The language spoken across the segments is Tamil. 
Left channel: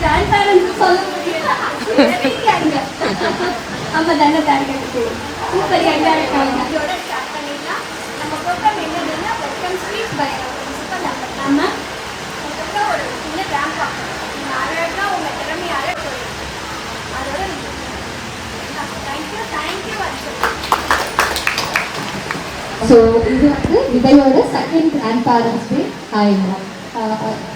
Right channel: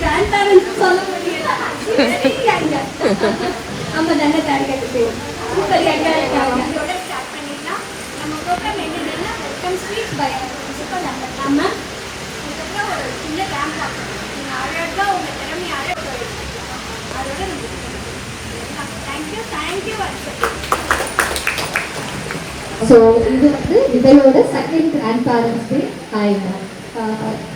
கிராண்ட் பேரண்ட்ஸ் சொல்ல முடியல. ஆமா தானே கிடைக்கிறது. சூப்பர் எங்க இருக்காங்க. இதோட ஸ்டார்ட் பண்ணிடலாம். நம்ம ப்ரோக்ராம் என்னதுன்னா welcome speech by principal doctor Raman. அதுக்கப்புறம் ஒரு சின்ன ரேம்ப் வாக். நீங்கள் அழகாக உங்கள் திறமையால அதோட நம்ம தேங்க்யூ அர்ஷன். ஸோ இது வந்து விதையோட செகண்ட் கிராண்ட் பேரண்ட்ஸ் டே.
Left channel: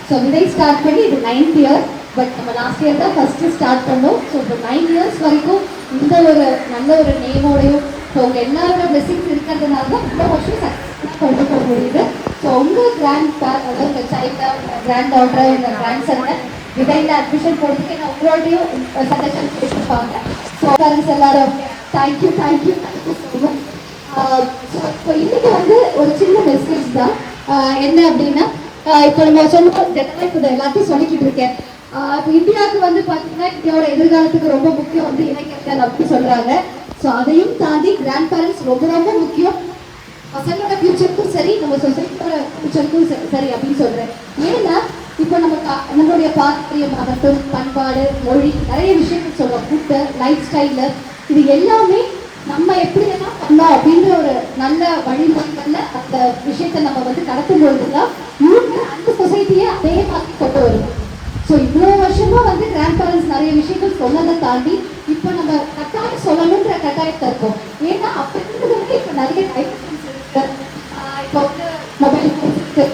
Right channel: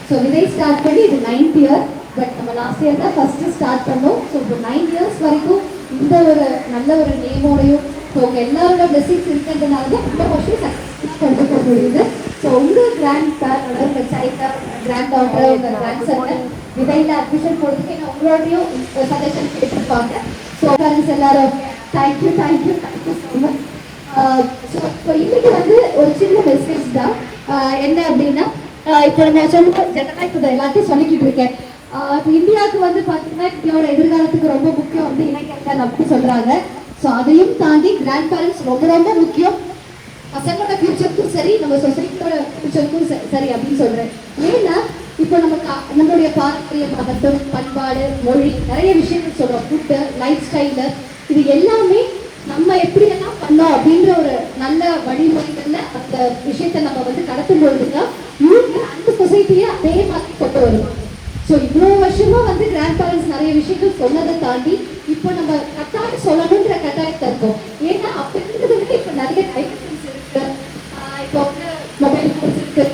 ஸோ விதை ஸ்டார்ட் பண்ணி இது 9th இயர். பட் நம்ம லாஸ்ட் இயர் தான் ஃபஸ்ட்டு ஸ்டார்ட் பண்ணோம். ஸோ இப்போ 9 இயர்ஸ் வரைக்கும் இந்த ஒரு நல்ல ஒரு நேமோடையும் ஸோ உங்கள் எல்லாரோட பிளெஸிங்ஸ் இருக்கிறதுனால தான் இந்த வருஷம் சக்ஸஸ்ஃபுல்லாக கொண்டு போக முடியுது. ஸோ உங்கள் அதாவது உங்கள் சைல்ட கிராண்ட் டாட்டர் உங்கள் கிராண்ட் சன்னை விதையில் அட்மிஷன் போட்டுட்டு நான் உங்களோடையும் சஜஷன் கேட்டுருப்பாங்க. ஸோ பேரண்ட்ஸ் எல்லாரும் தேங்க்யூ ஸோ மச். ஸோ இன்னைக்கு வந்து ஒரு சின்ன மெசேஜ் தான். என்ன அப்படின்னா இப்போ நம்ம சொன்னோம் ஜெனரலாக இப்போ எல்லாத்தையும் சொல்லிக்கிட்டு இருக்கேன். இப்போ இந்தியாவுக்கு வந்து பார்த்தீங்கன்னா இந்தியாவோட எதிர்காலத்துக்கு ரொம்ப முக்கியம் வந்து இணைக்கல்வி அப்படி சொல்கிறாங்க. ஸோ அதையும் தாண்டி கிராண்ட் பேரண்ட்ஸ் ரொம்ப ரொம்ப முக்கியம். பசங்களோட ஃபியூச்சருக்கும் சரி நம்ம சொசைட்டியோட ஃபியூச்சருக்கும் சரி அப்படின்னு சொல்கிறேன். ஏன்னா இப்போ நம்மளுடைய பாரம்பரியமாகட்டும் பண்பாடு மொழி நிறைய விஷயங்கள் சொல்கிறோம். ஃபுட்டு லைஃப் ஸ்டைலு இது எல்லாமே நம்ம எப்படியெல்லாம் பண்ணோம் அப்படின்ற ஒரு நல்ல வழிமுறைகளில் அந்த விஷயத்தை நம்ம வந்து கடத்தும் பொழுதுதான் இவங்க அந்த சொசைட்டியை அதே மாதிரி கொண்டு வருவோம். ஸோ இவ்வளோ வருஷமா வந்து கிராண்ட் பேரண்ட்ஸ் நிறைய விஷயங்கள் சொன்னதை தாண்டி இப்போ நம்ம கட்டாயம் சொல்லணுன்ற கட்டாயத்தை இருக்கோம். ஏன்னா அப்போ இருந்தது வந்து இப்போ நிறைய டைவர்ஷன்ஸ் இருக்கு. இப்போ வந்து மொபைல் ஃபோன்ஸ் இருக்கு,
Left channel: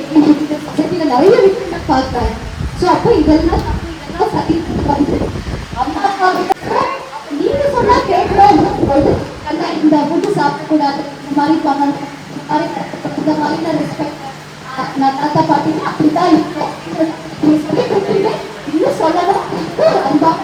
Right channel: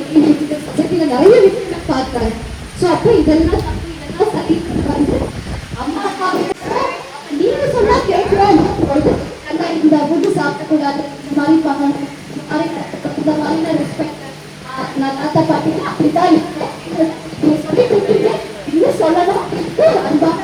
சொசைட்டியில் நிறைய விஷயங்கள் பார்க்குறாங்க. ஸோ அப்போ இதெல்லாம் சரி வந்து அம்மா அப்பா நீங்க சொன்னா கேட்கணும் போது இந்த ஃபுட்டு சாப்பிடக்கூடாது, இந்த மாதிரி பண்ணணும், இந்த மாதிரி ரெஸ்பெக்ட் நான் தாத்தா பாட்டி அப்படிதான் இருக்கும் சொல்லி கொடுத்துட்டு இன்னும் சொல்லணும் அன்பான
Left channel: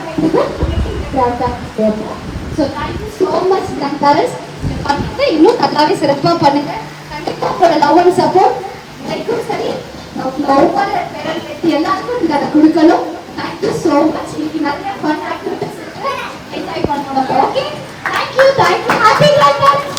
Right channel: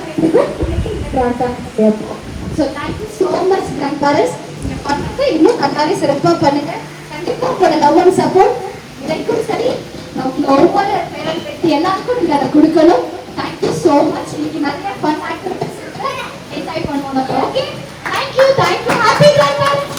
so thank you so much grand parents. நீங்கள் பண்ணது இன்னும் நல்லாவே சிறப்பாக பண்ணுங்க. கண்டிப்பாக உங்களோட லவ் அண்ட் சப்போர்ட் எனக்கும் சரி ஒவ்வொரு பேரண்ட் எல்லாருக்கும் நீங்கள் அதை கொடுக்கணும். Thank you so much. இன்னைக்கு நிறைய ஃபன் ஆக்டிவிட்டிஸ் என்ஜாய் பண்ணுவோம். Okay thank you happy grand parents.